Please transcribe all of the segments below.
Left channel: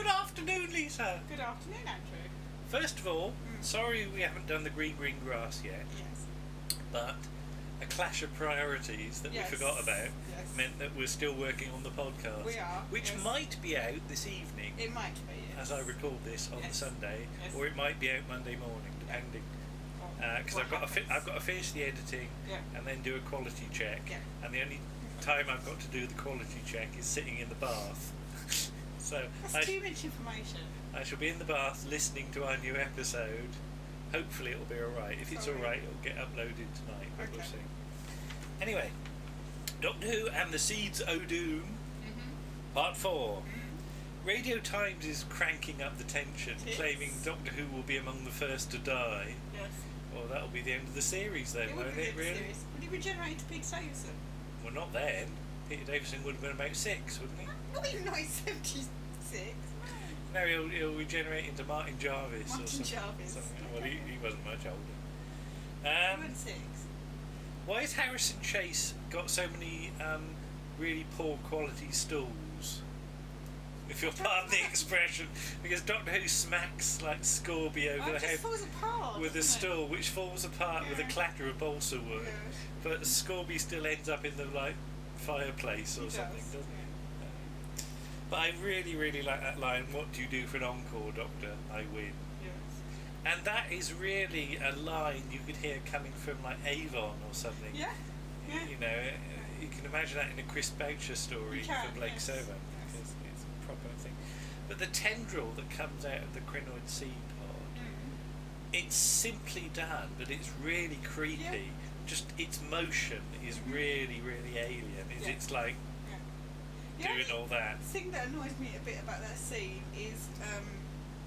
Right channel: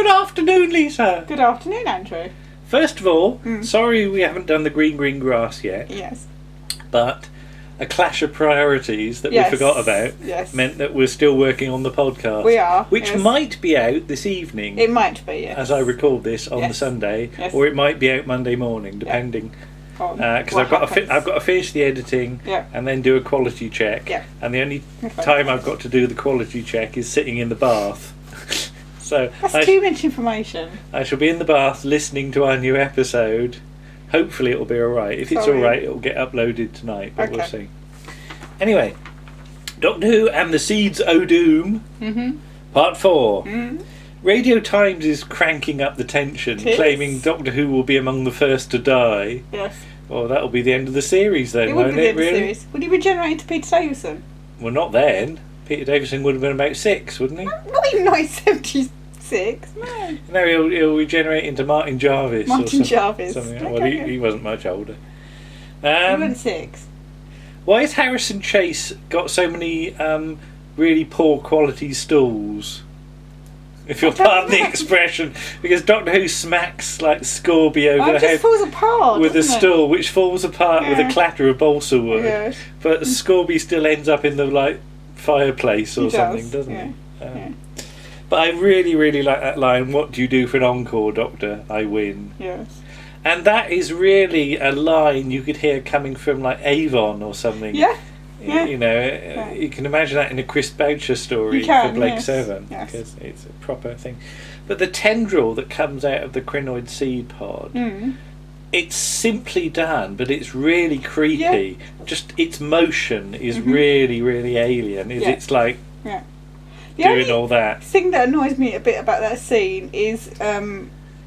Good afternoon, Lisa. Good afternoon, Andrew. First of all, sorry we haven't done the green grass yet. Yes. But a clash of priorities that we forgot about meant that we're still working on the podcast. We are. Which might be out this evening. It might be, yes. As I record this on the Sunday. Yes. Or it might be out Monday morning, depending. Because I've got to finish the editing and then do a quality check. Yeah. And the only time I've got to do the quality check is sitting in the bath. So that's too much information. I shall be in the bath listening to our new episode. Hopefully it'll be alright. If it's alright, it'll get uploaded tonight, but we'll see. Anyway, Doctor Who and the Seeds o' Doom, Part 4. Radio Times is cranking up the tension, claiming Doctor Who will be among the first to die. Yes. Well, that'll be the end of the series then, won't it, really? Series. Would he regenerate into Peter Davison? Well, not then. Peter Davison would have been about 6, wouldn't he? Not even 76. No. No, he'll regenerate into Martin Jarvis. Jarvis. Something. Well, he wasn't much older. He wasn't 6. Why has Harrison Chase got so many really poor quality stools? If you'll pardon the expression, because Doctor Who smacks like Scorby over the head falls apart, with a stool, which falls apart with a clatter of balsa wood. Yes. But Scorby still ends up in the fireplace or something, doesn't he? But I really, really like that line, "What do you do for an encore, Doctor? I win." Yes. And that is really a line you could hear coming from Avon or something. Yeah. You know, you can imagine that in a Chris Boucher story for Blake 7, because it's a proper thing. But the tendril that comes out of the crinoid seed pod, it's simply done, but it's really creepy. Just its motion is really, really alien. It's like doing all that. The thing that annoys me a bit about that scene is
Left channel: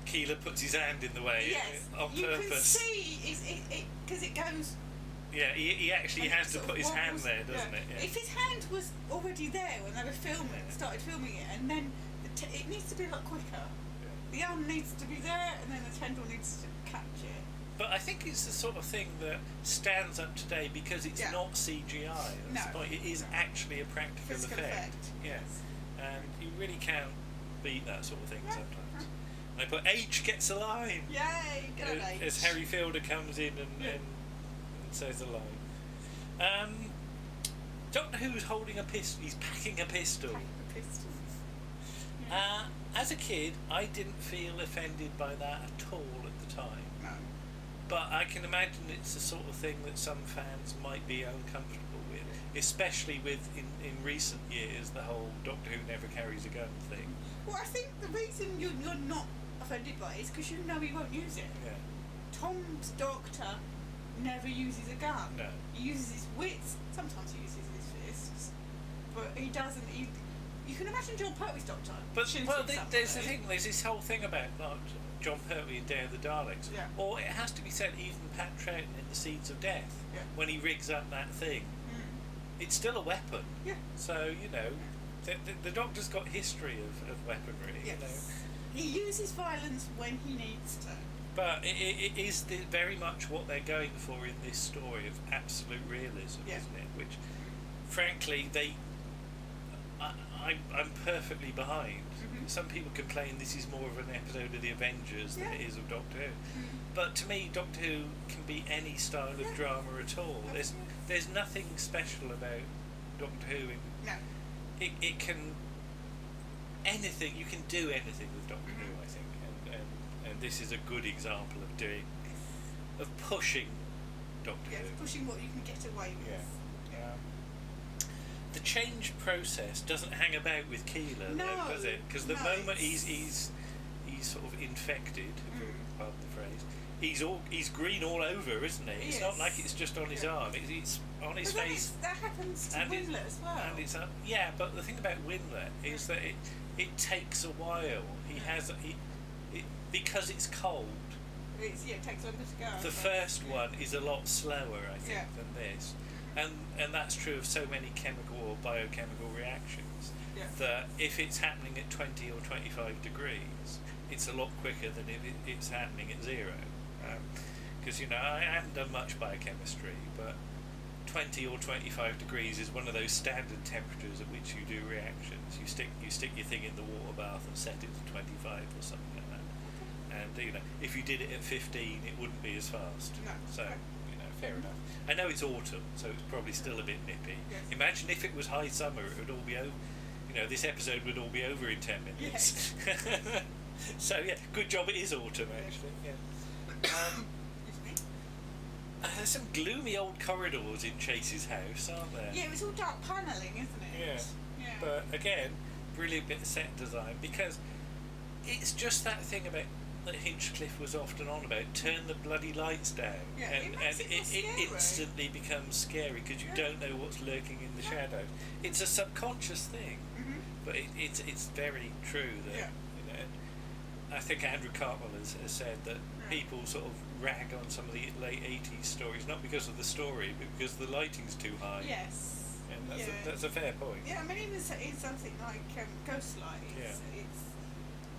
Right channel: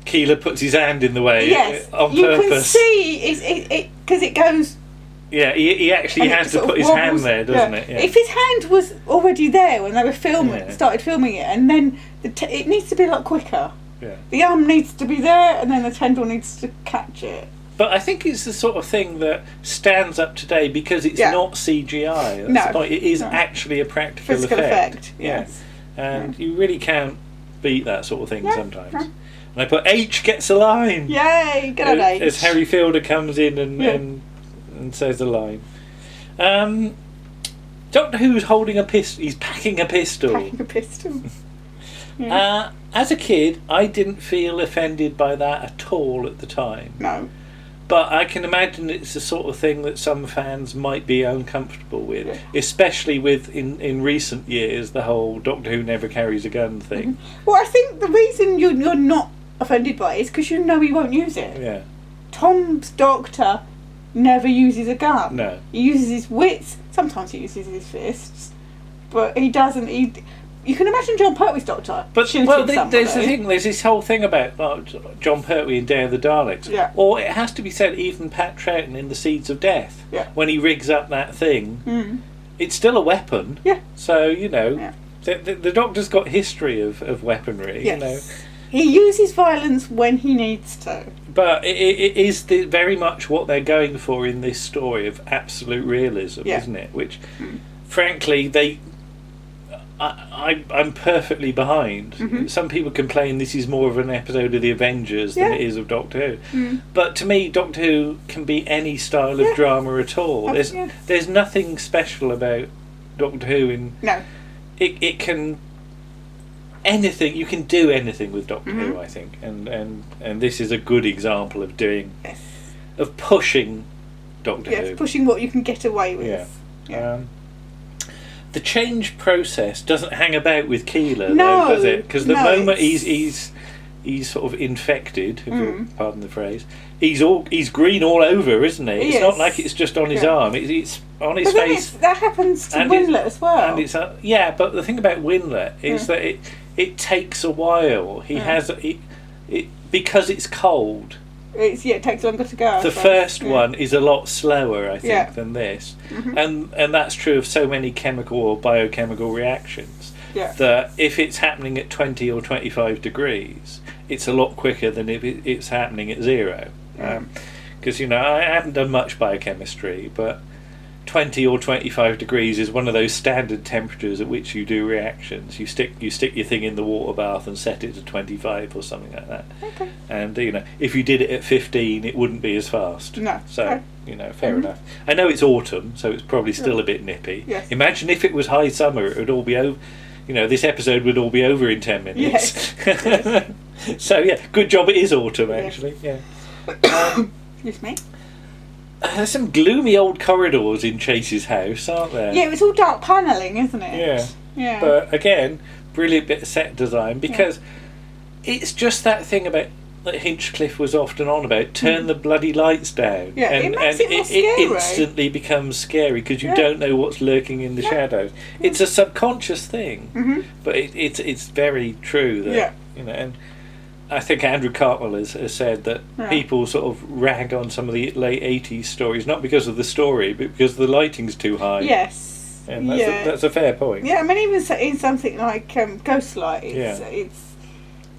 Keeler puts his hand in the way on purpose. You can see because it goes. Yeah, he actually has to put his hand there, doesn't it? Yeah. If his hand was already there when they were started filming it, and then it needs to be a lot quicker. Yeah. The arm needs to be there, and then the tendril needs to catch it. But I think it's the sort of thing that stands up today because it's not CGI. That's the point. It is actually a practical effect. Yes. And you really can't beat that sort of thing sometimes. And I put H gets a line. Yay, good on H. As Harry Fielder comes in and says a line. Doctor Who's holding a pistol. He's packing a pistol. As a kid, I didn't feel offended by that at all at the time. No. But I can imagine it's the sort of thing that some fans might be uncomfortable with, especially with, in recent years, the whole Doctor Who never carries a gun thing. Well, I think the reason you're not offended by it is because you know he won't use it. Yeah. Tom's Doctor never uses a gun. No. He uses his wits. Sometimes he uses his fists, but he doesn't. You can imagine John Pertwee's Doctor. But there's the thing. There's this whole thing about John Pertwee and Day of the Daleks. Yeah. Or it has to be said, even Pat Troughton in The Seeds of Death. Yeah. When he rigs up that thing, it's still a weapon. Yeah. So the Doctor's got history of weaponry. Yes. You know. He uses violence when he needs to. But it is very much what they're going for in this story of absolute realism, isn't it? Which, frankly, I'm perfectly behind. Some people complain this is more of an episode of the Avengers than it is of Doctor Who. But to me, Doctor Who can be any style of drama at all. There's nothing special about Doctor Who. It can... Anything you can do anything with Doctor Who, I think, and this is a good example of of pushing Doctor Who. Yes, pushing what you can get away with. Yeah. The change process doesn't hang about with Keeler, though, does it? Because the moment he's sort of infected, if you'll pardon the phrase, he's green all over, isn't he? It's not like it's just on his arm; it's on his face. That happens to Winlet as well. And it's but the thing about Winlet is that it takes a while. He has because it's cold. It takes longer to go. The first one is a lot slower, I think, than this, and that's true of so many chemical or biochemical reactions. That if it's happening at 20 or 25 degrees, it's a lot quicker than if it's happening at 0. Because I haven't done much biochemistry, but 20 or 25 degrees is one of those standard temperatures at which you do reactions. You stick your thing in the water bath and set it to 25 or something like that. Okay. And if you did it at 15, it wouldn't be as fast. No. So fair enough. I know it's autumn, so it's probably still a bit nippy. Yes. Imagine if it was high summer, it would all be over. This episode would all be over in 10 minutes. Yes. So yeah, good job it is autumn actually. Yeah. Excuse me. There's some gloomy old corridors in Chase's house, aren't there? Yeah, it's all dark panelling, isn't it? Yeah. Yeah. But again, brilliant bit of set design because it's just that thing about that Hinchcliffe was often on about. Turn the bloody lights down. Yeah, and it makes it more scary. It instantly becomes scary because you don't know what's lurking in the shadows. It's a subconscious thing, but it's very true that and I think Andrew Cartwell has said that people sort of rag on some of the late 80s stories, not because of the story, but because the lighting's too high. Yes. And that's a fair point. Yeah, I mean, even in something like Ghostlight, it's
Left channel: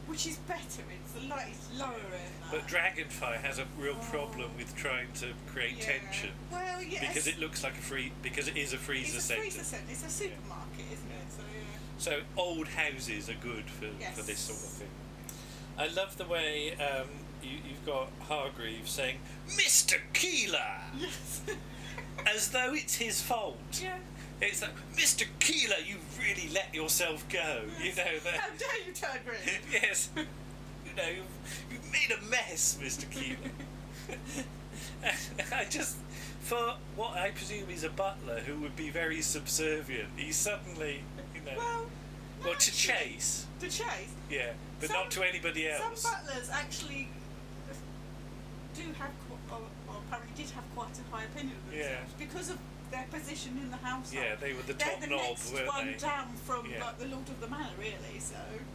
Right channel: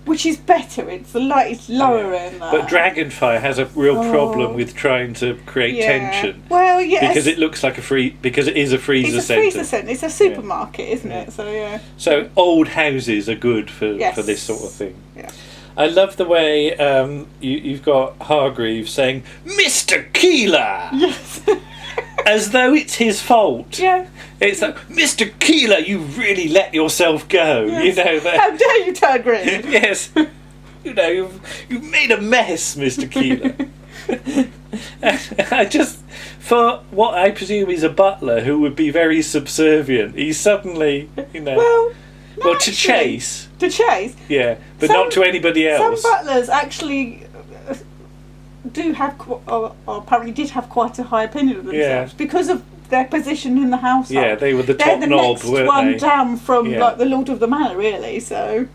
which is better. The light is lower in that. But Dragonfire has a real problem with trying to create tension. Well, yes. Because it looks like because it is a freezer centre. It's a freezer centre. It's a supermarket, isn't it? So So old houses are good for this sort of thing. Yeah. I love the way you've got Hargreaves saying, "Mr. Keeler!" Yes. As though it's his fault. Yeah. It's like, "Mr. Keeler, you really let yourself go." Yes. That. How dare you turn green? Yes. You've made a mess, Mr. Keeler. For what I presume is a butler who would be very subservient, he's suddenly, Well, to Chase. To Chase? Yeah, but not to anybody else. Some butlers actually do have, or apparently did have quite a high opinion of themselves because of their position in the household. Yeah, they were the top knob, next weren't one they? down from the Lord of the Manor, really. So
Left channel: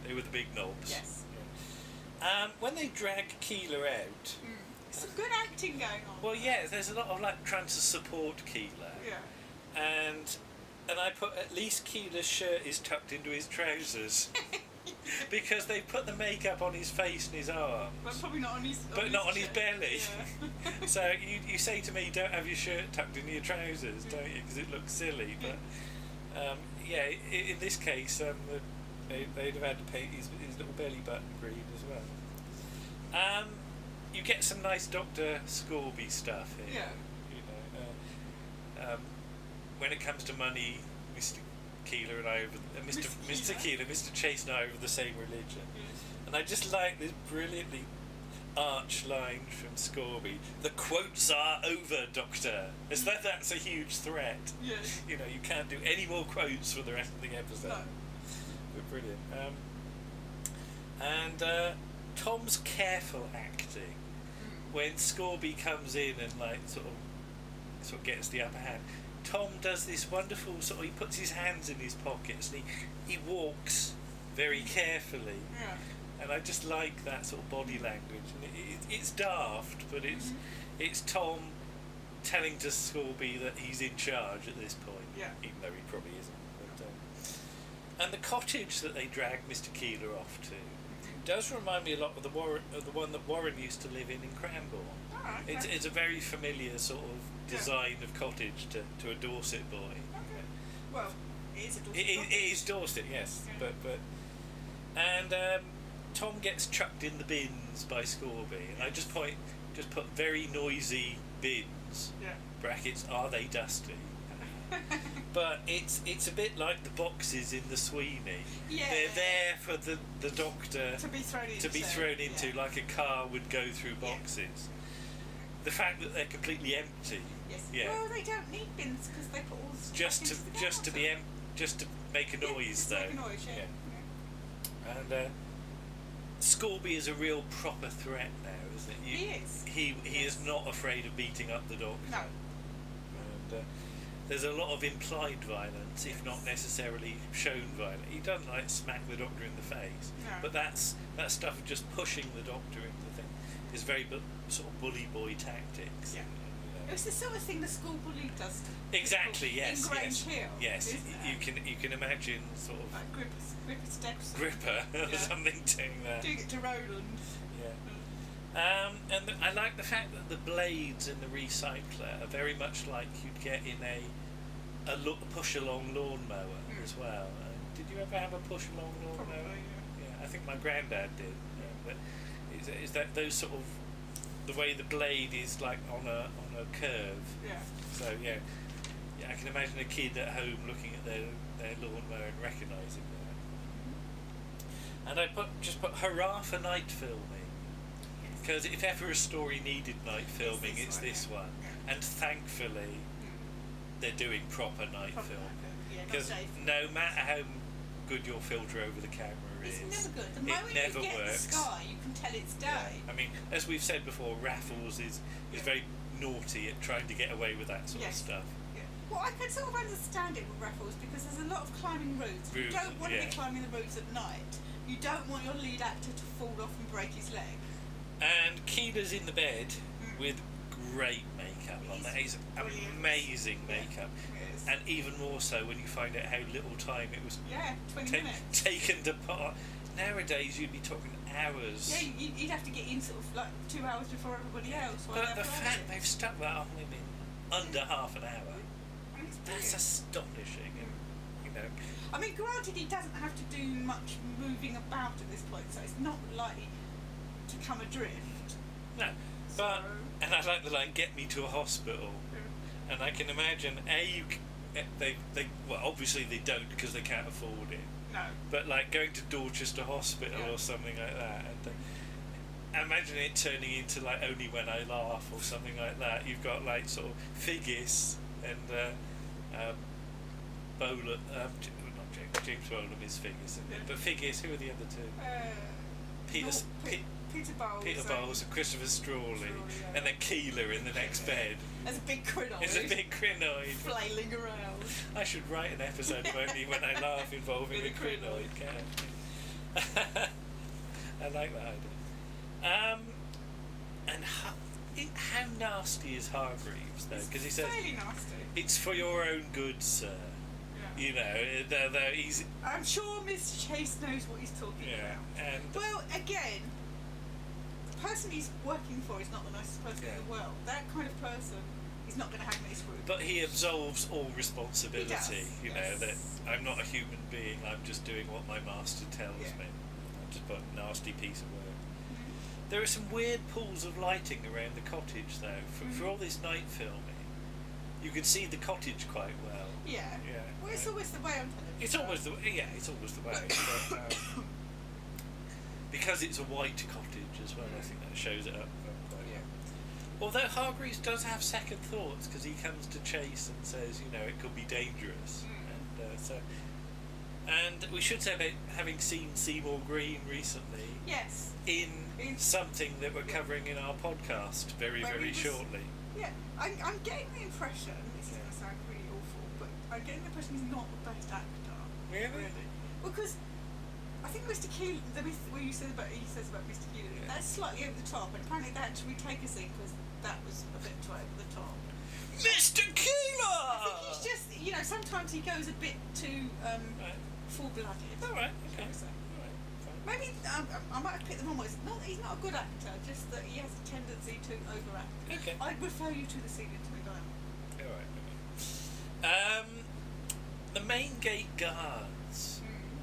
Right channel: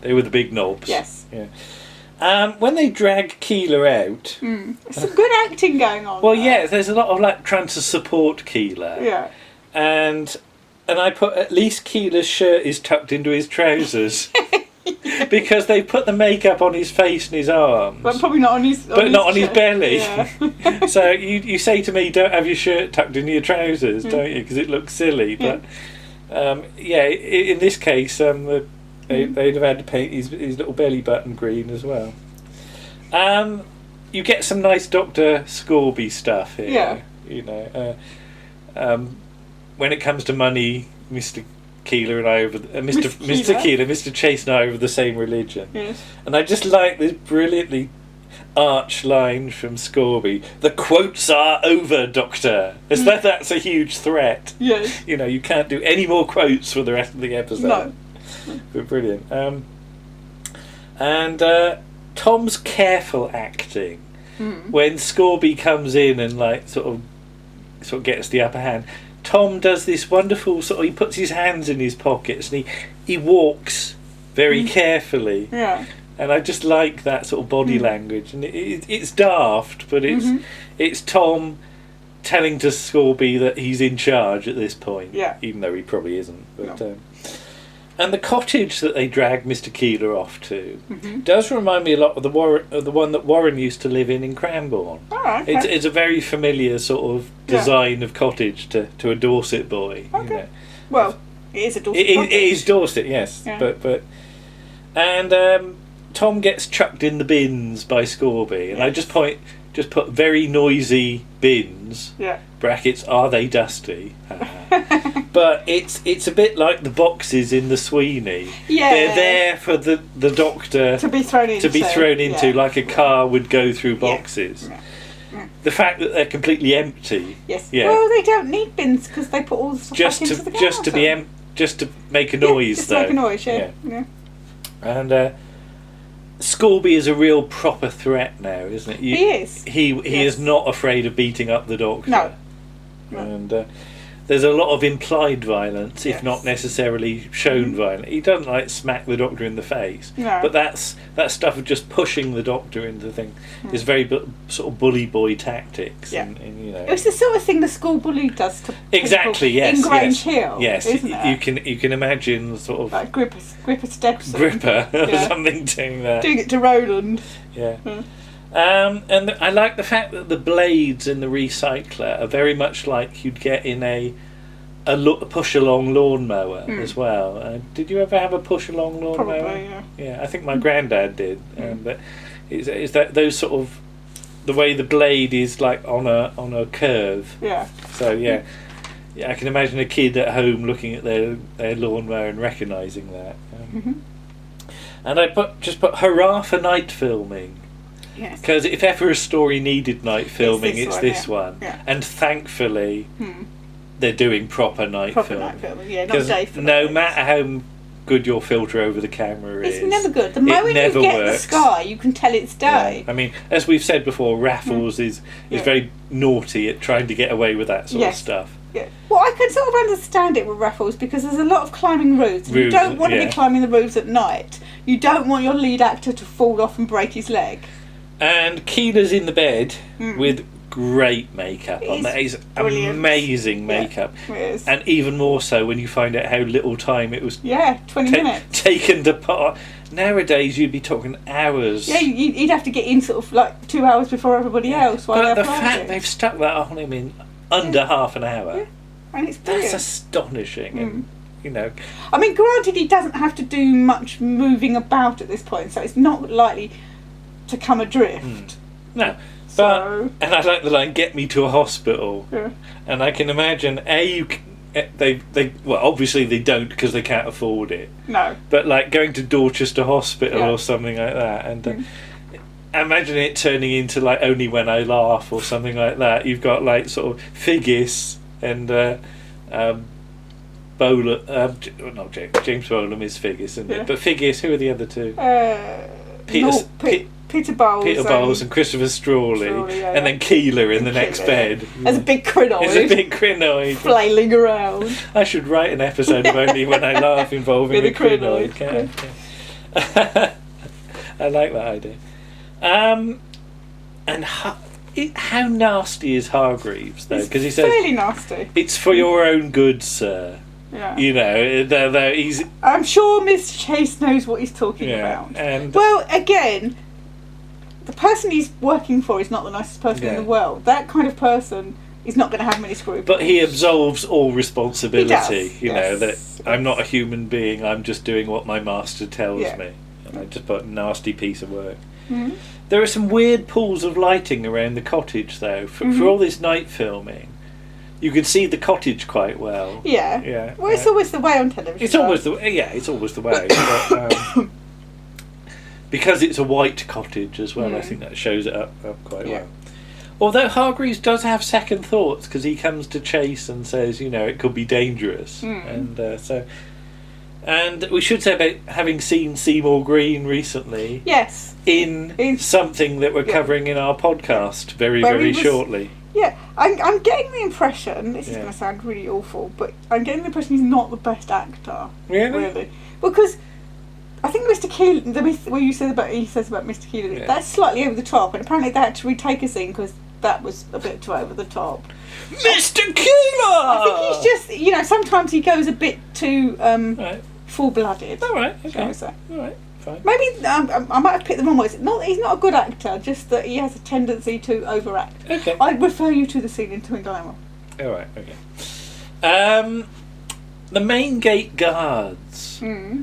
they were the big knobs. Yes. Yeah. When they drag Keeler out, some good acting going on. Well, there's a lot of trying to support Keeler. Yeah. And I put at least Keeler's shirt is tucked into his trousers. Because they put the makeup on his face and his arms. But probably not on his belly. Yeah. So you say to me, don't have your shirt tucked into your trousers, don't you? Because it looks silly. But in this case, they'd have had to paint his little belly button green as well. You get some nice Dr. Scorby stuff here. Yeah. When it comes to money, Mr. Keeler and I Mr. Chase and I are of the same religion. Yes. And I just like this brilliantly arch line from Scorby. "The quotes are over, Doctor." As though that's a huge threat. Yes. You can't do any more quotes for the rest of the episode. No. But brilliant. And Tom's careful acting when Scorby comes in and sort of gets the upper hand. Tom does this wonderful he puts his hands in his pockets and he walks very carefully. Yeah. And I just like that sort of body language, and it's daft, but it's Tom telling to Scorby that he's in charge at this point. Yeah. Even though he probably isn't. But and the cottage that they drag Mr. Keeler off to does remind me a lot of the one that Warren used to live in Cranbourne. Oh, okay. It's a very familiar sort of design of cottage to a Dorset boy. Okay. Well, it is a Dorset cottage. It is Dorset, yes. Yeah. And Tom gets chucked in the bins by Scorby, and I just put very noisy bins. Yeah. Brackets, are they dusty? But it's a bit like the boxes in the Sweeney. Yeah. They're there for the Doctor to be thrown into, like a car would go through boxes. Yeah. The fact that they're completely empty. Yes. Yeah. Well, they don't need bins because they put all the stuff back into the car. Just to make a noise, just though. Make a noise, yeah. And Scorby is a real proper threat now, isn't it? He is. He is not afraid of beating up the Doctor. No. And there's a lot of implied violence, if not necessarily shown violence. He doesn't smack the Doctor in the face, but that stuff of just pushing the Doctor into the thing is very sort of bully boy tactics. Yeah. And it's the sort of thing the school bully does to exactly people in Grange Hill. Yes, isn't it? You can imagine sort of like Gripper Stepson. Gripper or something doing that. Doing it to Roland. Yeah. And I like the fact that the blades in the recycler are very much like you'd get in a push-along lawnmower as well. Did you ever have a push-along lawnmower? Probably, yeah. Yeah, I think my granddad did. But is that those sort of the way the blade is like on a curve? Yeah. So yeah, I can imagine a kid at home looking at their lawnmower and recognising that. And I just put hurrah for night filming. Yes. Because if ever a story needed night filming, it's this one. Yeah. And thankfully, they're doing proper night filming. Night filming, yeah, not day filming. No matter how good your filter over the camera is, it's never good. The moment you get the sky, you can tell it's day. Yeah. I mean, as we've said before, Raffles is very naughty at trying to get away with that sort of stuff. Yeah. Well, I can sort of understand it with Raffles because there's a lot of climbing roofs. You don't want to be climbing the roofs at night. You don't want your lead actor to fall off and break his leg. And Keela's in the bed with great makeup on. That is amazing makeup. Yeah, it is. And even more so when you find out how little time it was 20 minutes taken to put. Nowadays you'd be talking hours. Yeah, you'd have to get in sort of like 2 hours before everybody else. But the fact they've stuck that on him in under half an hour. Yeah. And it's brilliant. That's astonishing. And, you know, I mean, granted, he doesn't have to do much moving about at this point, so it's not likely to come adrift. No. But, and I like the line, get me to a hospital. Yeah. And I can imagine, they well, obviously they don't because they can't afford it. No. But like going to Dorchester Hospital or something like that. And imagine it turning into like Only When I Laugh or something like that. You've got like sort of Figgis and James Bolam is Figgis, isn't it? But Figgis, who are the other two? Peter Bowles and Christopher Strawley, and then Keela in the next bed. As a big crinoid. Flailing around. I should write an episode of Only When I Laugh involving a crinoid. I like that idea. And how nasty is Hargreaves, though? Because he says... fairly nasty. It's for your own good, sir. Yeah. You know, he's... I'm sure Mr. Chase knows what he's talking about. Well, again, the person he's working for is not the nicest person in the world. That kind of person is not going to have many scruples. But he absolves all responsibility. He does, know, that I'm not a human being, I'm just doing what my master tells me. And I just put nasty piece of work. There are some weird pools of lighting around the cottage, though. For all this night filming, you can see the cottage quite well. Yeah. Well, it's always the way on television. It's always the way. But, because it's a white cottage as well, I think that shows it up quite well. Although Hargreaves does have second thoughts because he comes to Chase and says, you know, it could be dangerous, and we should say about having seen Seymour Green recently. Yes. In something that we're covering in our podcast very shortly. Yeah, I'm getting the impression, this is going to sound really awful, but I'm getting the impression he's not the best actor. Really? Because I think Mr. Keeler, what he says about Mr. Keeler, that's slightly over the top, and apparently they had to retake a scene because that was a bit too over the top. Mr. Keeler! I think he's just, you know, sometimes he goes a bit too full-blooded. All right, okay. Shall we say. All right. Fine. Maybe I might have picked the wrong words. He's not a good actor, just that he has a tendency to overact. Okay. I'd refer you to the scene in Twin Glamour. All right, okay. The main gate guards.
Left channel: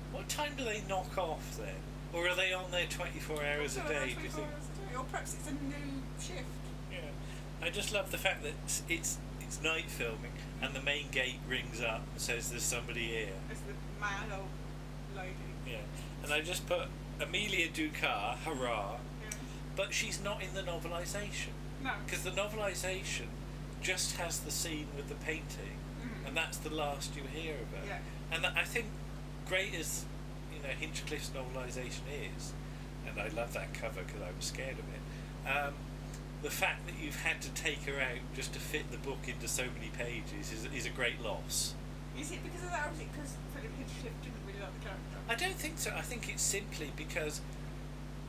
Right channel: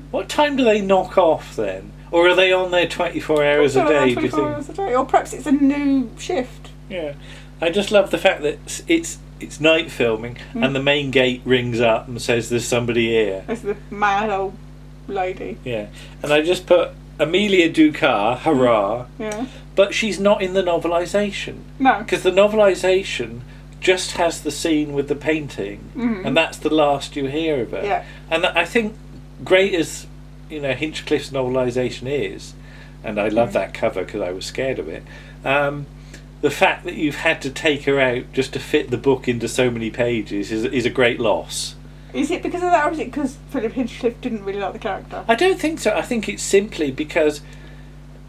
What time do they knock off then? Or are they on there 24 hours a day, do you think? 24 hours a day. Or perhaps it's a new shift. Yeah. I just love the fact that it's night filming and the main gate rings up and says there's somebody here. It's the mad old lady. Yeah. And I just put Amelia Ducat, hurrah. Yeah. But she's not in the novelisation. No. Because the novelisation just has the scene with the painting and that's the last you hear of her. Yeah. And I think great as, you know, Hinchcliffe's novelisation is, and I love that cover because I was scared of it, the fact that you've had to take her out just to fit the book into so many pages is a great loss. Is it because of that, or is it because Philip Hinchcliffe didn't really like the character? I don't think so. I think it's simply because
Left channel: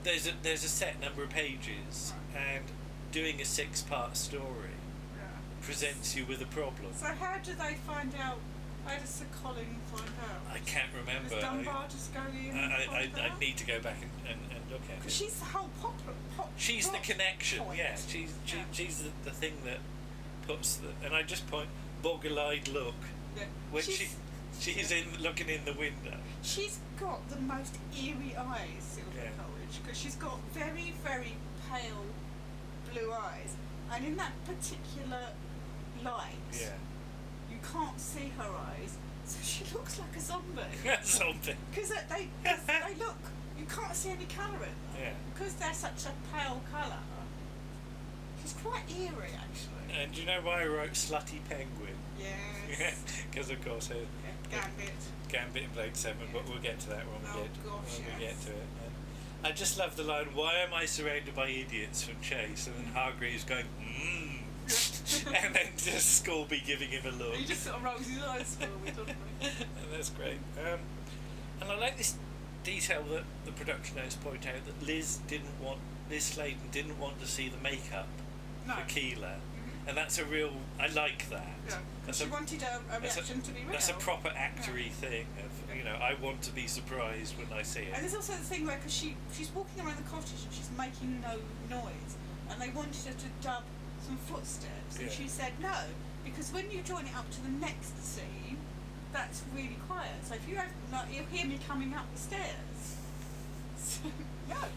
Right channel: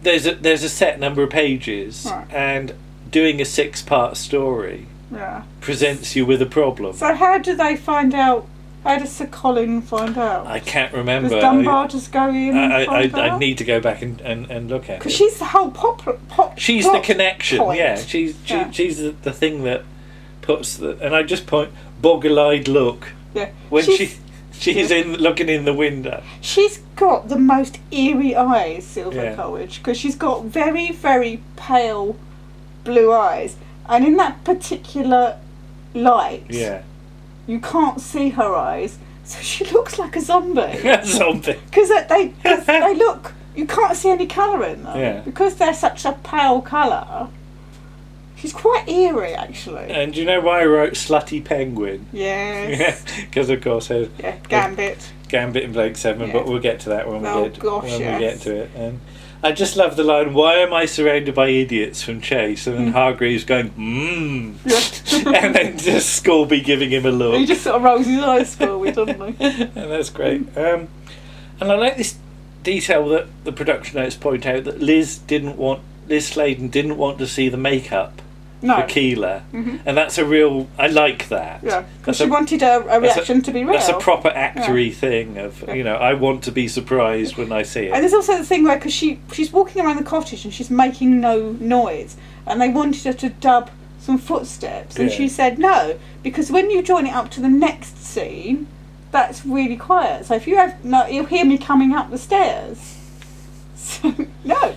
there's a set number of pages, and doing a 6-part story presents you with a problem. So how do they find out How does Sir Colin find out? I can't remember. Does Dunbar just go in and find out? I need to go back and look at it. Because she's the whole pop. She's the connection, point. yeah. She's the thing that puts the... And I just point, boggle-eyed look. Yeah. When she's looking in the window. She's got the most eerie eyes, Sylvia Coleridge, because she's got very, very pale blue eyes. And in that particular light... Yeah. You can't see her eyes, so she looks like a zombie. A zombie. Because they look, you can't see any colour in them. Yeah. Because they're such a pale colour. She's quite eerie, actually. And do you know why I wrote Slutty Penguin? Yes. Because, of course, Gambit. Gambit in Blake 7, but we'll get to that when we get to it. And I just love the line, "Why am I surrounded by idiots?" from Chase, and then Hargreaves going, and then just Scorby giving him a look. He just sort of rolls his eyes, Scorby, doesn't he? And that's great. And I like this detail that the production notes point out, that Liz Sladen didn't want to see the makeup for Keela, and that's a real... I like that. Yeah, because she wanted a reaction to be real. That's a proper actory thing of, I want to be surprised when I see it. And there's also the thing where, because she's walking around the cottage and she's making no noise, and they wanted her to dub some footsteps, and she said no, because when you join it up to the next scene, that's really quiet. So if you have you'll hear me coming up the stairs. So, no.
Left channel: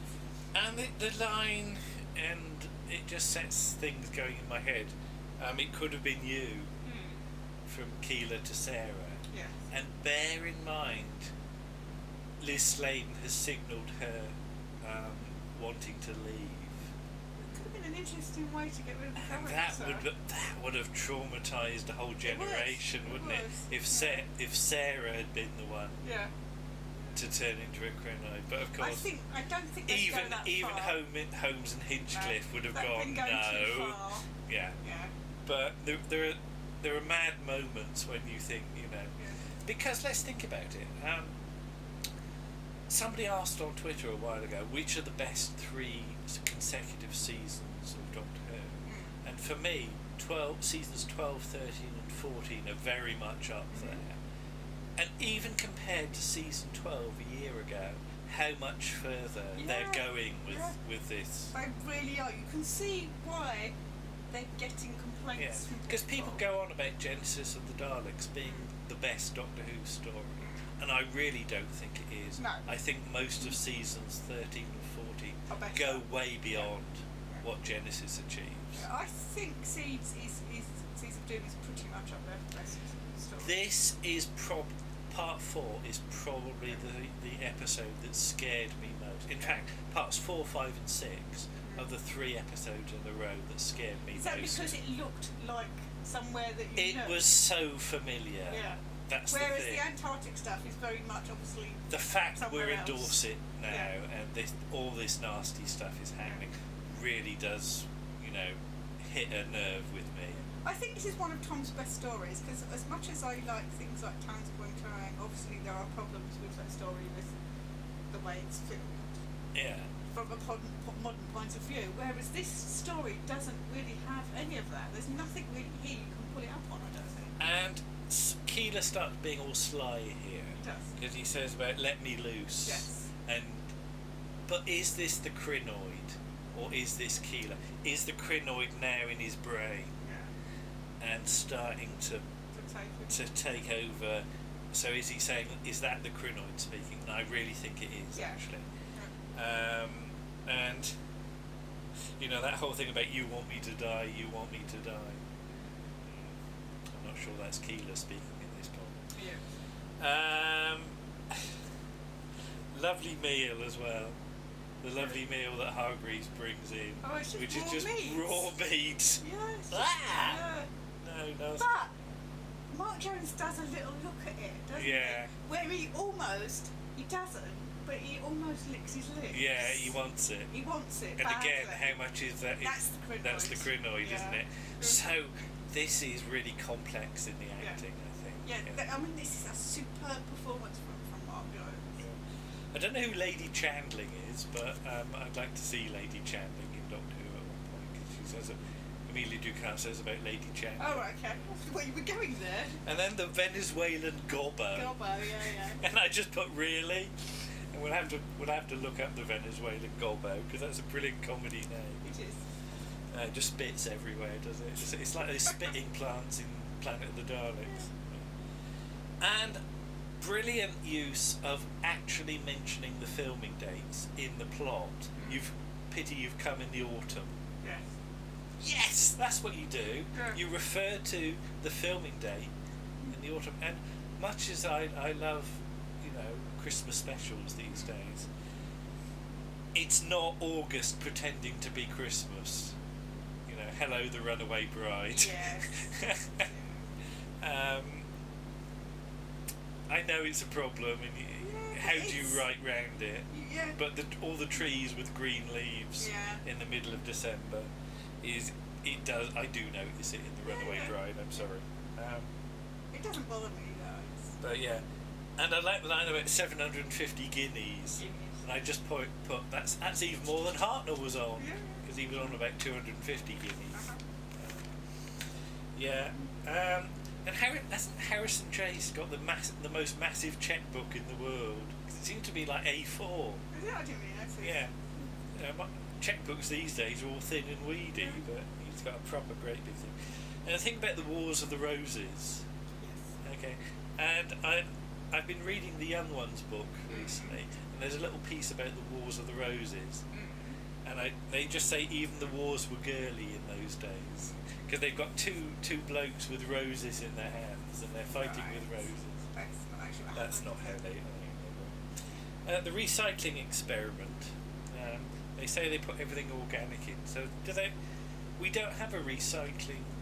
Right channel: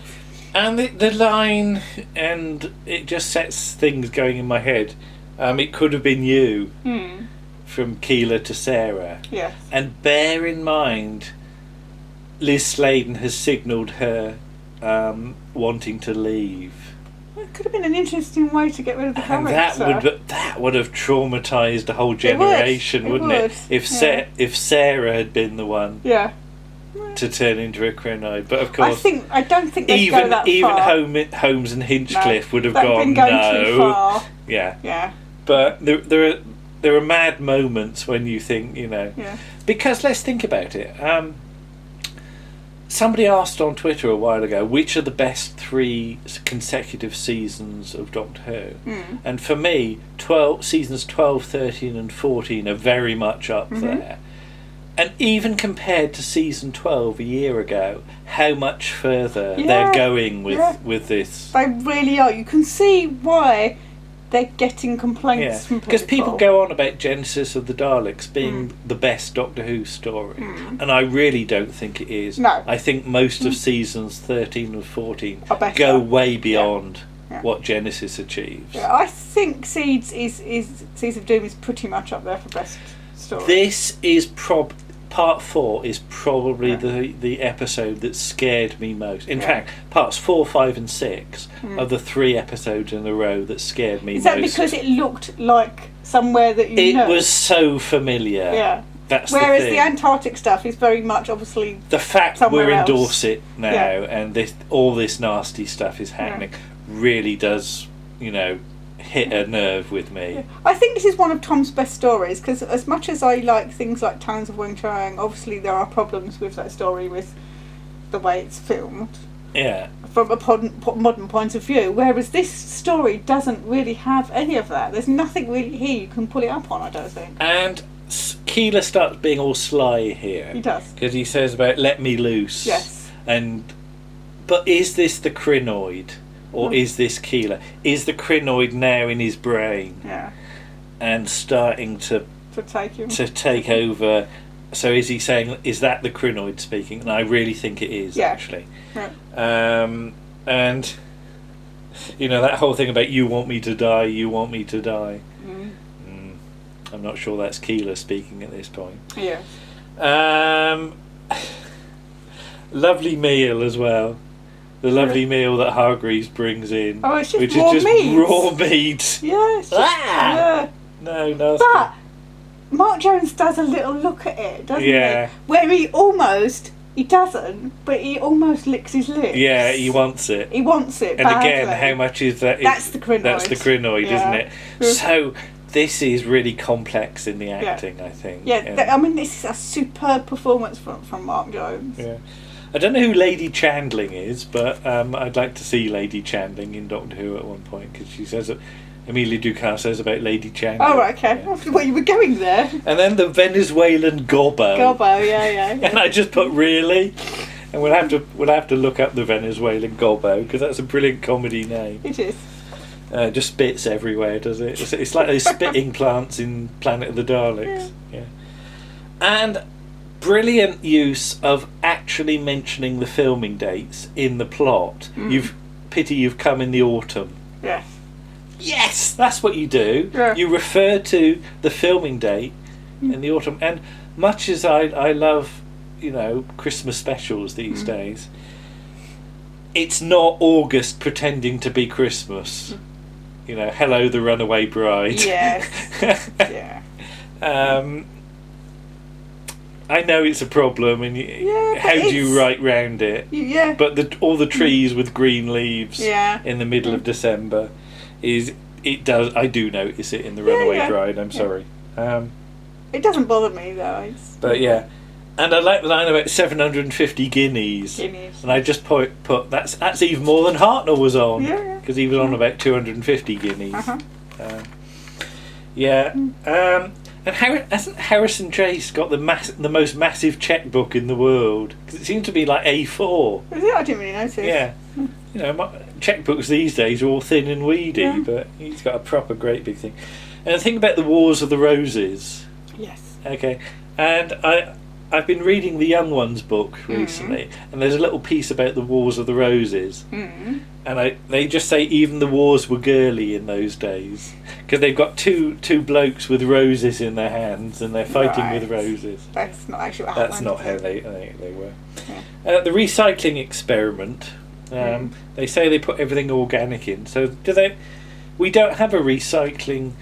And the line, and it just sets things going in my head. It could have been you, from Keela to Sarah. Yes. And bear in mind, Liz Sladen has signalled her wanting to leave. It could have been an interesting way to get rid of the character. And that would have traumatised a whole generation, wouldn't it? If Sarah had been the one. Yeah. To turn into a crinoid, but of course, I don't think they'd go that far. Even Holmes and Hinchcliffe would have gone too far. Yeah. But there are mad moments when you think, because let's think about it. Somebody asked on Twitter a while ago, which are the best 3 consecutive seasons of Doctor Who? And for me, seasons 12, 13 and 14 are very much up there. And even compared to season 12 a year ago, how much further they're going with this. They really are. You can see why they're getting complaints from people. Because people go on about Genesis of the Daleks being the best Doctor Who story. And I really don't think it is. No. I think most of seasons 13 and 14 go way beyond what Genesis achieves. Yeah, I think Seeds of Doom is pretty much up there for best story. This is Part 4 is probably the episode that scared me most. In fact, parts 4, 5 and 6 are the 3 episodes in a row that scared me most. Is that because it looked like somewhere that you know? It was so familiar. Yeah. That's Whereas the Antarctic stuff is very much obviously the fact we're in Dorset now and all this nasty stuff is happening really does, hit a nerve with me. Yeah. I think this is one of Tom's best stories, because as much as I like things like Talons of Weng Chiang, obviously there are problems with that story with the way it's filmed. Yeah. From a modern point of view, whereas this story doesn't really have any of that. There's nothing really here you can pull it up on, I don't think. And Keela starts being all sly here. He does. Because he says about "let me loose." Yes. But is this the crinoid? Or is this Keela? Is the crinoid now in his brain? Yeah. And starting to take over. So is he saying, is that the crinoid speaking? And I really think it is, actually. Yeah. And, that whole thing about you want me to die, you want me to die. I'm not sure that's Keela speaking at this point. Yeah. Lovely meal as well. The lovely meal that Hargreaves brings in. Oh, it's just which raw is just meat. Raw meat. Yeah, it's just, No, nasty. But Mark Jones does a little look at it, doesn't he? Where he doesn't, but he almost licks his lips. Yeah, he wants it. He wants it And badly. again, how much is that? That's the crinoid. That's the crinoid, isn't it? So this is really complex in the acting, I think. Yeah, I mean, this is a superb performance from Mark Jones. Yeah. I don't know who Lady Chandling is, but I'd like to see Lady Chandling in Doctor Who at one point, because she says that Amelia Ducat says about Lady Chan. Oh, right, okay. Yeah. Well, you were going there. And then the Venezuelan Gobbo. Gobbo, yeah. And I just put really, and we'll have to look up the Venezuelan Gobbo because that's a brilliant comedy name. It is. Just spits everywhere, does it? It's like those spitting plants in Planet of the Daleks. Yeah. And brilliant use of actually mentioning the filming dates in the plot. You've come in the autumn. Yes. Yes, that's what you do. Yeah. You refer to the filming date in the autumn. And much as I love, Christmas specials these days, it's not August pretending to be Christmas. Hello the Runaway Bride. Yes. Yeah. I know it's a problem, and how do you write round it? Yeah. But all the trees with green leaves in the middle of December I do notice it in the Runaway Bride. I'm sorry. It doesn't bother me though. But yeah, and I like the line about 750 guineas. And I just put that's even more than Hartnell was on. Yeah. Because he was on about 250 guineas. Uh-huh. And hasn't Harrison Chase got the most massive checkbook in the world? Because it seems to be like A4. Is it? I didn't really notice. Yeah. Checkbooks these days are all thin and weedy, but he's got a proper great big thing. And think about the Wars of the Roses. Yes. Okay. And I've been reading the Young Ones book recently, and there's a little piece about the Wars of the Roses. And they just say even the wars were girly in those days because they've got two blokes with roses in their hands and they're fighting with roses. That's not actually what happened. That's not how they were. Yeah. The recycling experiment. They say they put everything organic in. So do they? We don't have a recycling.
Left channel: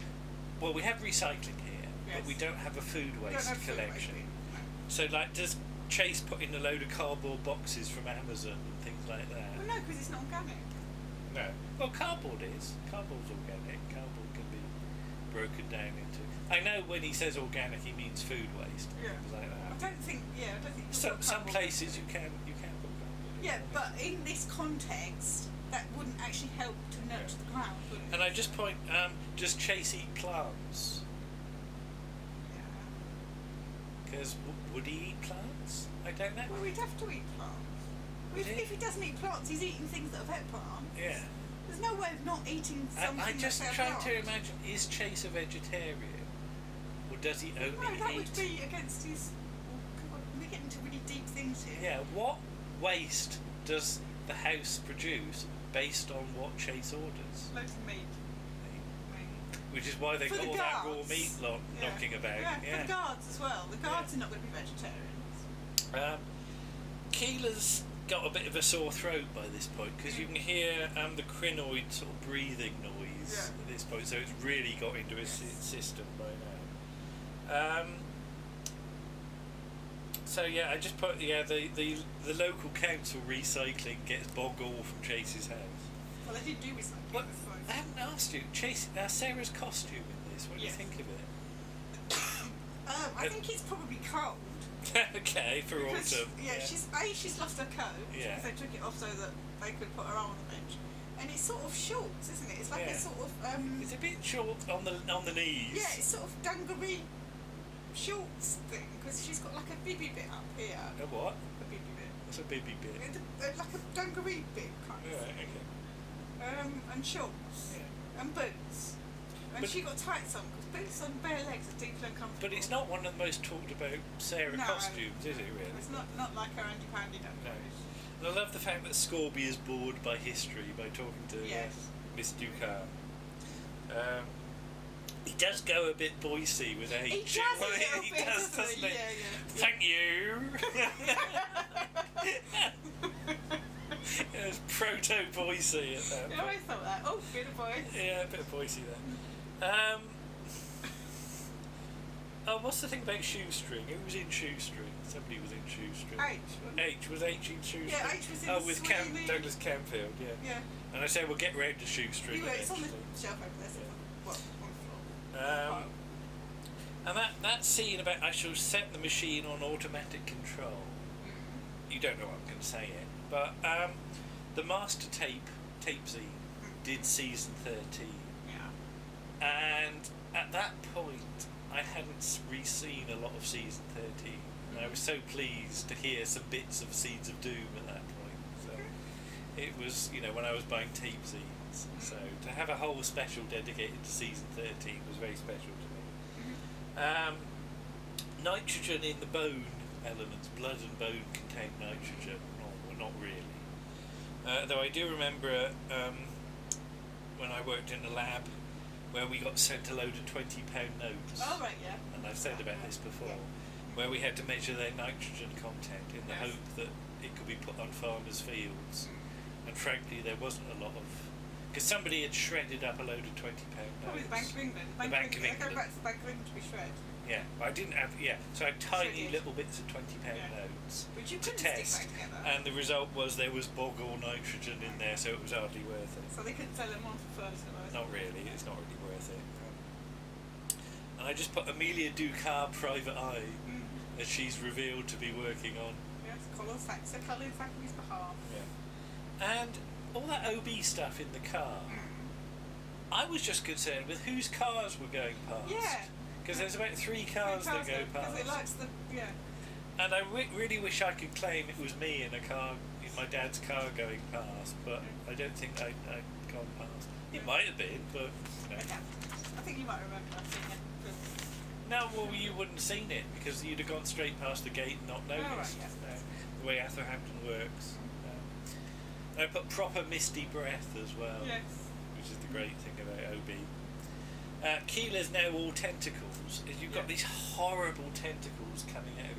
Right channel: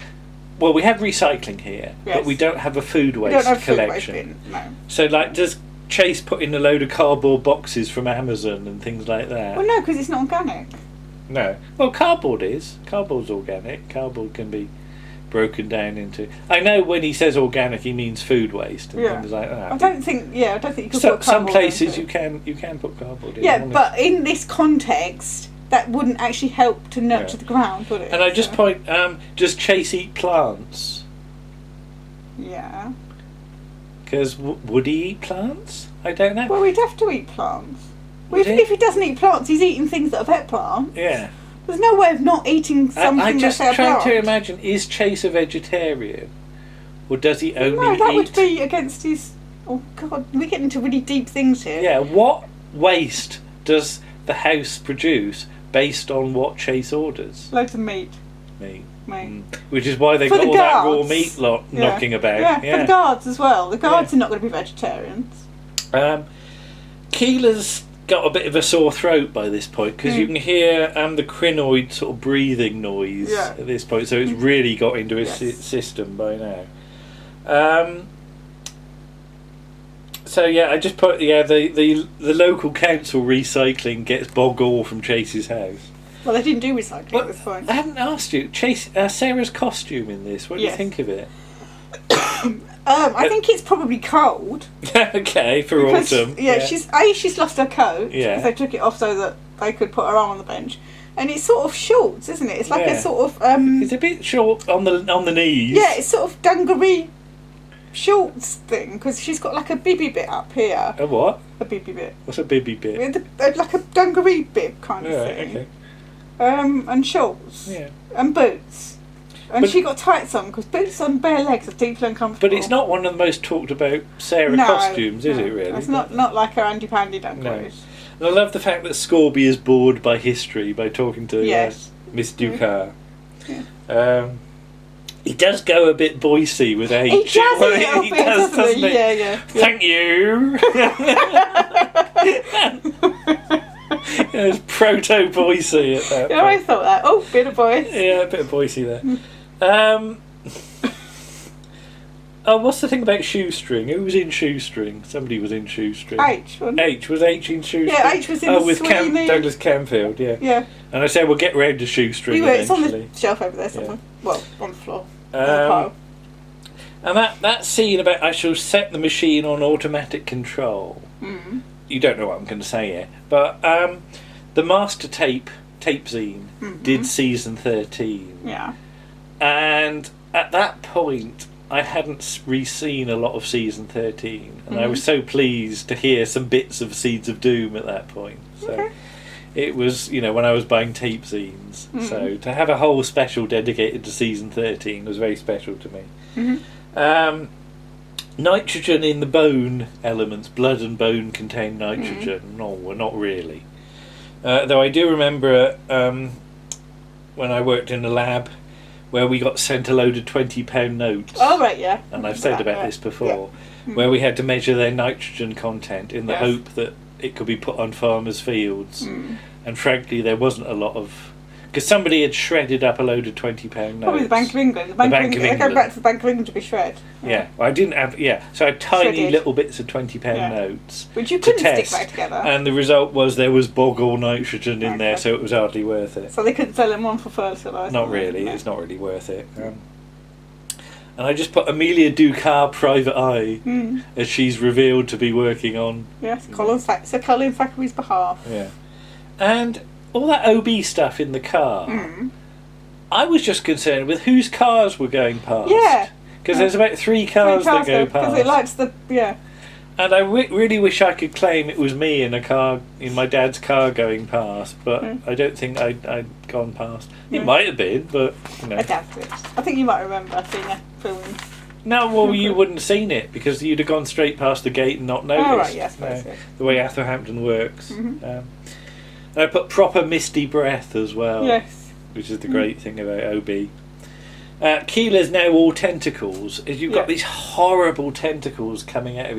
Well, we have recycling here, but we don't have a food waste collection. Food waste bin, no. So, does Chase put in a load of cardboard boxes from Amazon and things like that? Well, no, because it's not organic. No. Well, cardboard is. Cardboard's organic. Cardboard can be broken down into... I know when he says organic, he means food waste and things like that. I don't think you can put cardboard some places you can put cardboard in. Yeah, but in this context, that wouldn't actually help to nurture the ground, would it? And I just point, does Chase eat plants? Yeah. Because would he eat plants? I don't know. Well, we'd have to eat plants. If he doesn't eat plants, he's eating things that are pet plants. Yeah. There's no way of not eating something I'm just that's a trying plant. to imagine, is Chase a vegetarian? Or does he only No, that eat... would be against his... Oh, God, we're getting into really deep things here. Yeah, what waste does the house produce based on what Chase orders? Loads of meat. Meat. Meat. Which is why they've For got the all that raw guards. meat knocking about. Yeah, for the guards as well. The guards are not going to be vegetarians. Keeler's got a bit of a sore throat by this point because you can hear the crinoid sort of breathing noise at this point, so it's really got into his system by now. So I just put the local council recycling gets bog all from Chase's house. Well, they didn't do recycling at this point. I haven't asked you, Sarah's costume in this. What do you think of it? I think it's probably cold. Okay, for autumn. Yeah, she's lost her coat. Yeah. They took it off so that they could put her arm on the bench. And it's sort of shorts, isn't it? It's like a sort of... it's a bit short on the knees. Yeah, it's sort of dungaree shorts thing, because she's got like a bibby bit up here. A what? A bibby bit. What's a bibby bit? Like a dungaree bib kind of thing. Okay. And shorts. Yeah. And boots. And she got tights on, because boots on bare legs are deeply uncomfortable. But it's not one of the most talked about Sarah costumes, is it really? It's not like her Andy Pandy dungarees. No. And I love the fact that Scorby is bored by history by talking to Miss Ducat. Yeah. He does go a bit Boise with H. He does a little bit, doesn't he? Yeah. Thank you. It's proto Boise at that point. I thought that. Oh, bit of Boise. Yeah, a bit of Boise there. What's the thing about Shoestring? Who was in Shoestring? Somebody was in Shoestring. H. Was H in Shoestring? Yeah, H was in with Douglas Camfield, Yeah. And I said, we'll get round to Shoestring It's on the shelf over there somewhere. Yeah. Well, on the floor. And that scene about I shall set the machine on automatic control. Mm. You don't know what I'm going to say yet, but the Master Tape zine did season 13. Yeah. And at that point, I hadn't re-seen a lot of season 13, and I was so pleased to hear some bits of Seeds of Doom at that point. So it was, when I was buying tape zines. So to have a whole special dedicated to season 13 was very special to me. Nitrogen in the bone elements, blood and bone contain nitrogen. No, well, not really. Though I do remember when I worked in the lab, where we got sent a load of £20 notes. Oh, right, yeah. And I've said about this before, where we had to measure their nitrogen content in the hope that it could be put on farmers' fields. And frankly, there wasn't a lot of... Because somebody had shredded up a load of £20 notes. Probably the Bank of England. The Bank of England. They go back to the Bank of England to be shred. Yeah, well, I didn't have... Yeah, so I had tiny little bits of £20 notes. Which you couldn't stick back together. And the result was there was bog all nitrogen in there, so it was hardly worth it. So they couldn't sell them on for fertiliser? Not really, it's not really worth it. And I just put Amelia Ducat Private Eye, as she's revealed to be working on... Yes, Colin Thackeray's behalf. Yeah. And... all that OB stuff in the car, I was just concerned with whose cars were going past. Yeah. Because there's about three cars that go past. Because it likes the... Yeah. And I really wish I could claim it was me in a car, in my dad's car going past, but I don't think I'd gone past. It might have been, but, I doubt it. I think you might remember seeing a film. No, well, you wouldn't have seen it, because you'd have gone straight past the gate and not noticed. Oh, right, yes, the way Atherhampton works. And I put proper misty breath as well. Yes. Which is the great thing about OB. Keeler's now all tentacles. You've got these horrible tentacles coming out of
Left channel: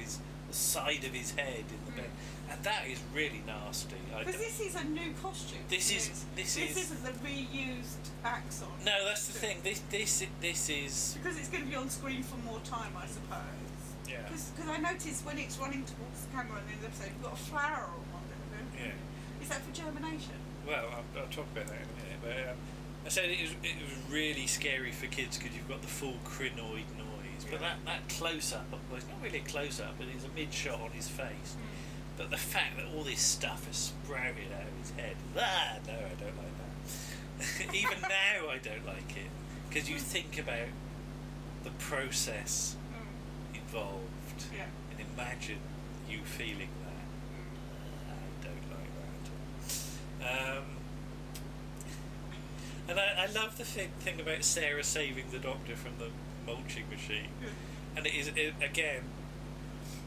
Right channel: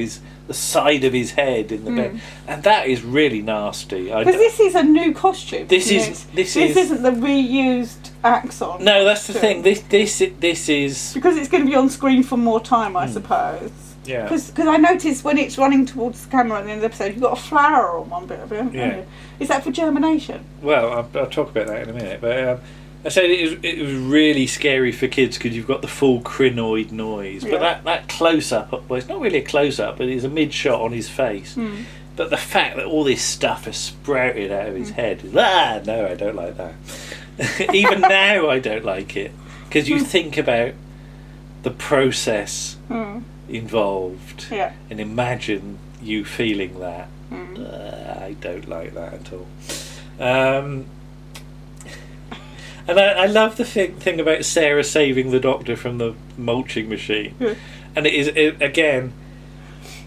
the side of his head in the bed, and that is really nasty. Because this is a new costume. This isn't the reused Axon. No, that's the thing. This is because it's going to be on screen for more time, I suppose. Yeah. Because I noticed when it's running towards the camera at the end of the episode, you've got a flower on one bit of it, haven't you? Is that for germination? Well, I'll talk about that in a minute, but. I said it was really scary for kids because you've got the full crinoid noise. But that close-up, well, it's not really a close-up, but it's a mid-shot on his face. But the fact that all this stuff has sprouted out of his head, no, I don't like that. Even now I don't like it. Because you think about the process involved and imagine you feeling that. I don't like that at all. And I love the thing about Sarah saving the Doctor from the mulching machine. And again,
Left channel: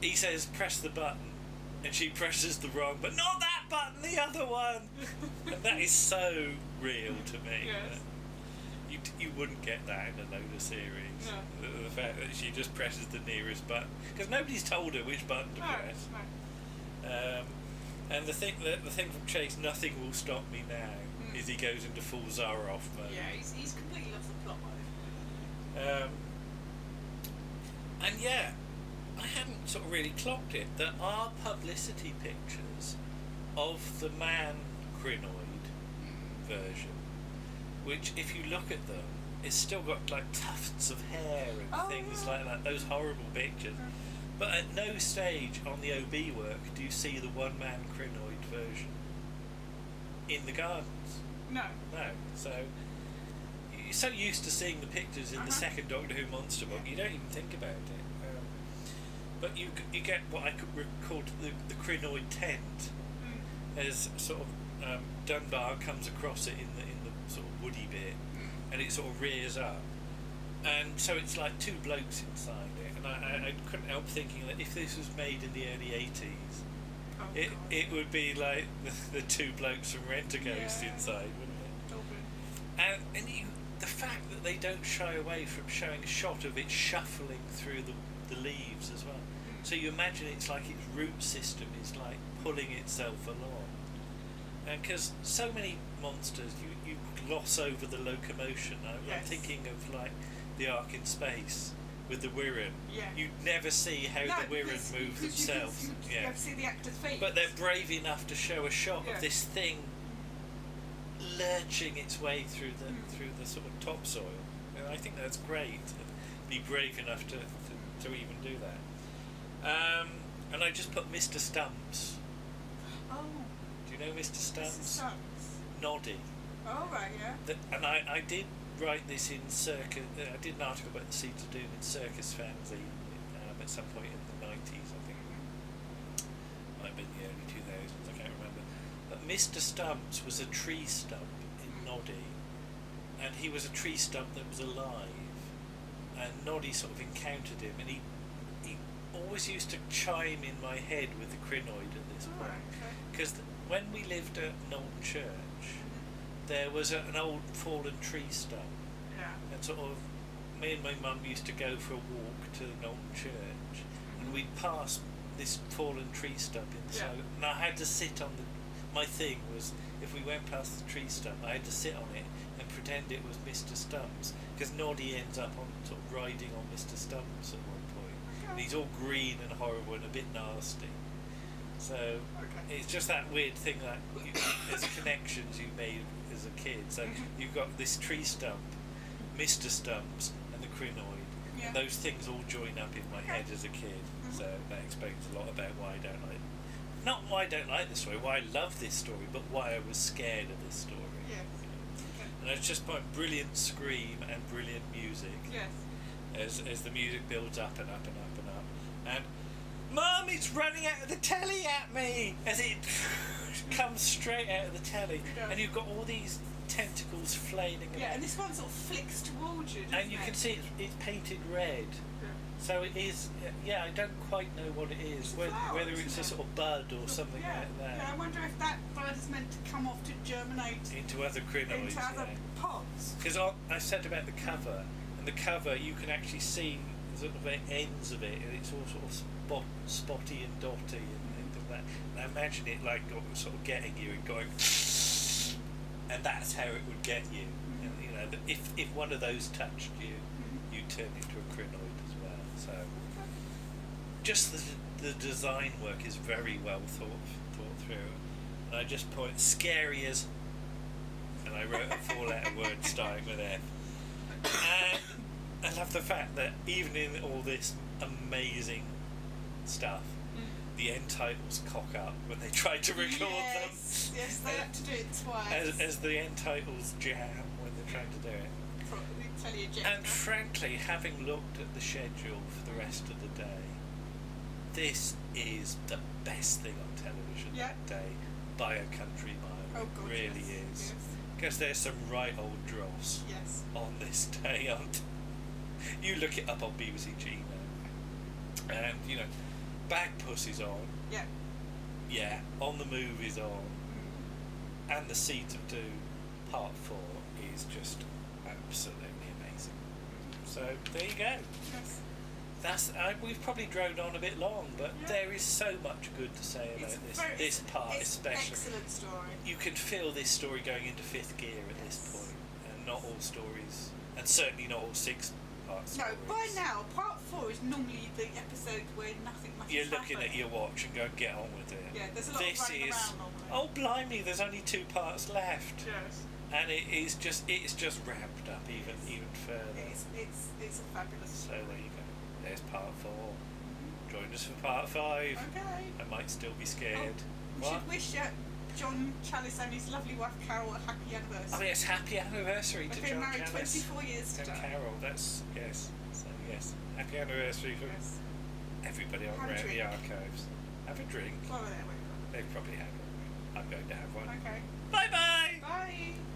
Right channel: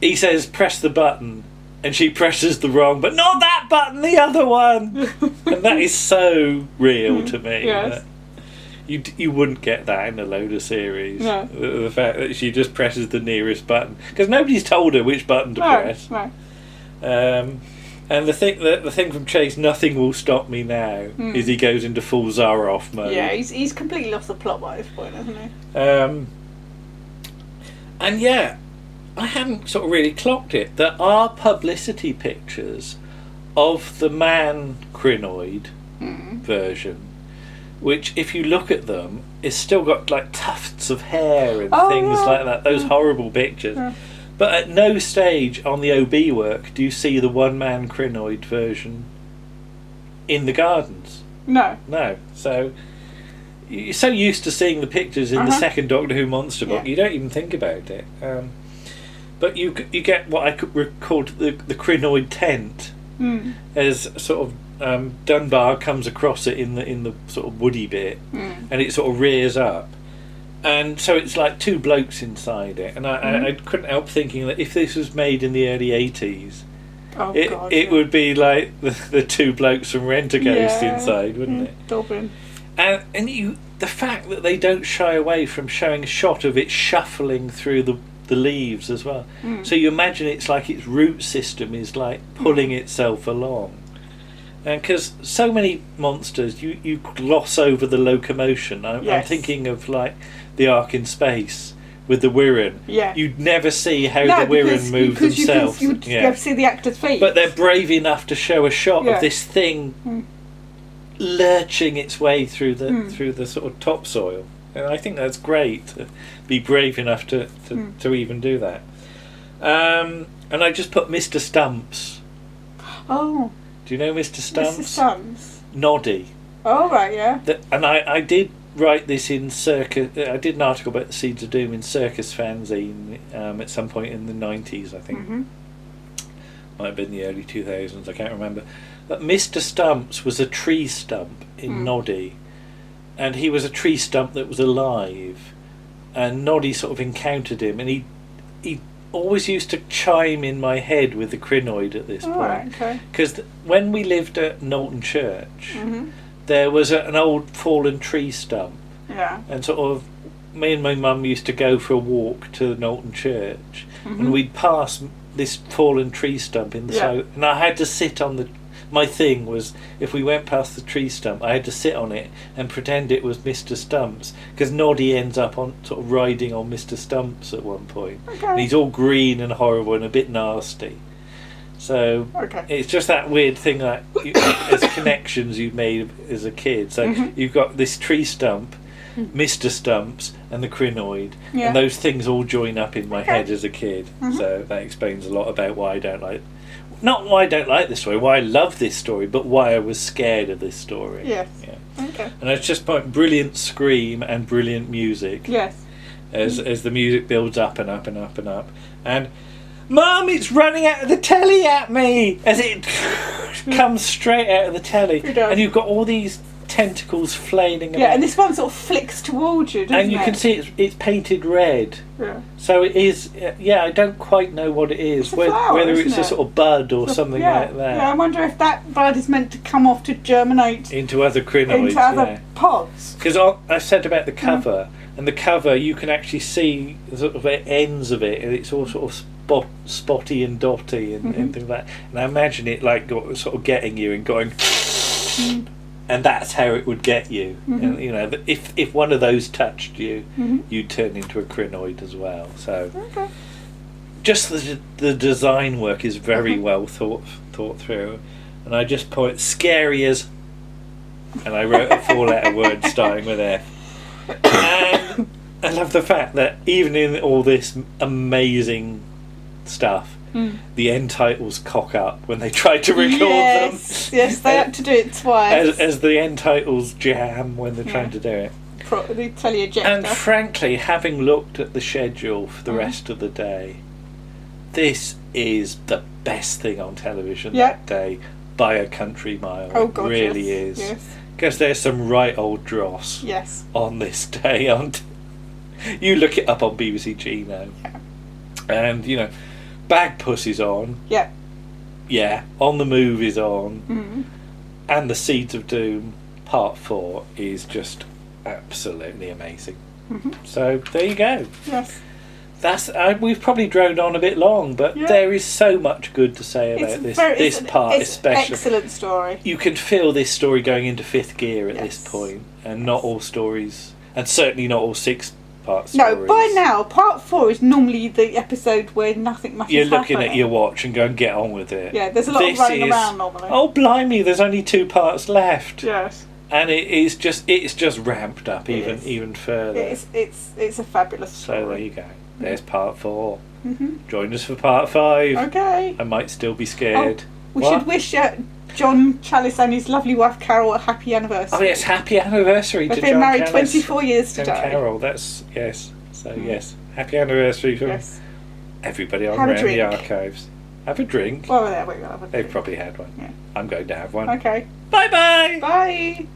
he says, press the button, and she presses the wrong, but not that button, the other one. And that is so real to me. Yes. You wouldn't get that in a loader series. No. The fact that she just presses the nearest button. Because nobody's told her which button to press. No. And the thing from Chase, nothing will stop me now, is he goes into full Zaroff mode. Yeah, he's completely lost the plot by this point, hasn't he? And yeah, I hadn't sort of really clocked it. There are publicity pictures of the man crinoid version, which, if you look at them, it's still got like tufts of hair and things like that. Those horrible pictures. Yeah. But at no stage on the OB work do you see the one-man crinoid version in the gardens. No. So you're so used to seeing the pictures in the second Doctor Who monster book, you don't even think about it. But you get what I could call the crinoid tent, as sort of Dunbar comes across it in the sort of woody bit, and it sort of rears up. And so it's like two blokes inside it, and I couldn't help thinking that if this was made in the early 80s, it would be like the two blokes from Rent-A-Ghost inside, wouldn't it? Dublin. And the fact that they don't shy away from showing a shot of it shuffling through the leaves as well. So you imagine it's like its root system is like pulling itself along. And because so many monsters, you gloss over the locomotion. I'm thinking of like the Ark in Space with the Wirren. Yeah. You'd never see how the Wirren move themselves. You'd be able to see the actor's feet. But they're brave enough to show a shot of this thing lurching its way through the sort of topsoil. And I think that's great to be brave enough to even do that. And I just put Mr. Stumps. Oh. Do you know Mr. Stumps? Mr. Stumps. Noddy. Oh, right, yeah. And I did write this in Circus. I did an article about the Seeds of Doom in Circus Fanzine at some point in the 90s, I think. Mm-hmm. Might have been the early 2000s, I can't remember. But Mr. Stumps was a tree stump in Noddy, and he was a tree stump that was alive, and Noddy sort of encountered him, and he always used to chime in my head with the crinoid at this point. Because when we lived at Knowlton Church, there was an old fallen tree stump, and sort of me and my mum used to go for a walk to Knowlton Church, and we'd pass this fallen tree stump in the side, and I had to sit on the. My thing was, if we went past the tree stump, I had to sit on it and pretend it was Mr. Stumps, because Noddy ends up on sort of riding on Mr. Stumps at one point, and he's all green and horrible and a bit nasty. So it's just that weird thing that as connections you made as a kid. So you've got this tree stump, Mr. Stumps, and the crinoid, and those things all join up in my head as a kid. So that explains a lot about why I don't like. Not why I don't like this story, why I love this story, but why I was scared of this story. Yes. Yeah. Okay. And it's just brilliant scream and brilliant music. Yes. As the music builds up and up and up and up. And, Mum, it's running out of the telly at me! As it comes straight out of the telly. It does. And you've got all these tentacles flailing about. Yeah, and this one sort of flicks towards you, doesn't it? And you can see it's painted red. Yeah. So it is, I don't quite know what it is. It's a flower, whether isn't it's a it? sort of bud or something like that. Yeah, I wonder if that bud is meant to come off to germinate into other crinoids. Into other pods. Because I said about the cover, and the cover you can actually see the sort of ends of it, and it's all sort of spotty and dotty and things like that. And I imagine it like sort of getting you and going... And that's how it would get you. And, you know, if one of those touched you, you'd turn into a crinoid as well. So, just the design work is very well thought through. And I just point scary as, and I wrote a 4-letter word starting with F. And I love the fact that even in all this amazing stuff, the end titles cock up when they try to record them. Yes, they had to do it twice. As the end titles jam when they're trying to do it. The teleejector. And frankly, having looked at the schedule for the rest of the day, this is the best thing on television that day by a country mile. Oh God, it really is. Yes. Because there's some right old dross on this day. You look it up on BBC G now. And, you know, Bag Pussy's on. Yeah, On the Move is on. And The Seeds of Doom Part 4 is just absolutely amazing. So there you go. Yes. That's we've probably droned on a bit long, but there is so much good to say about this part, especially. Excellent story. You can feel this story going into fifth gear at this point, and not all stories, and certainly not all 6-part stories. No, by now, part 4 is normally the episode where nothing much You're is looking happening. at your watch and going, get on with it. Yeah, there's a lot of running around normally. Oh, blimey, there's only 2 parts left. Yes. And it's just ramped up even further. It's a fabulous story. So there you go. There's part 4. Join us for part 5. Okay. I might still be scared. We should wish John Chalice and his lovely wife Carol a happy anniversary. Oh yes, happy anniversary to John They've been married Chalice 24 years today. and Carol, that's yes. So yes, happy anniversary from everybody on around the archives. Have a drink. Well, there we go. They've probably had one. Yeah. I'm going to have one. Okay. Bye-bye. Bye.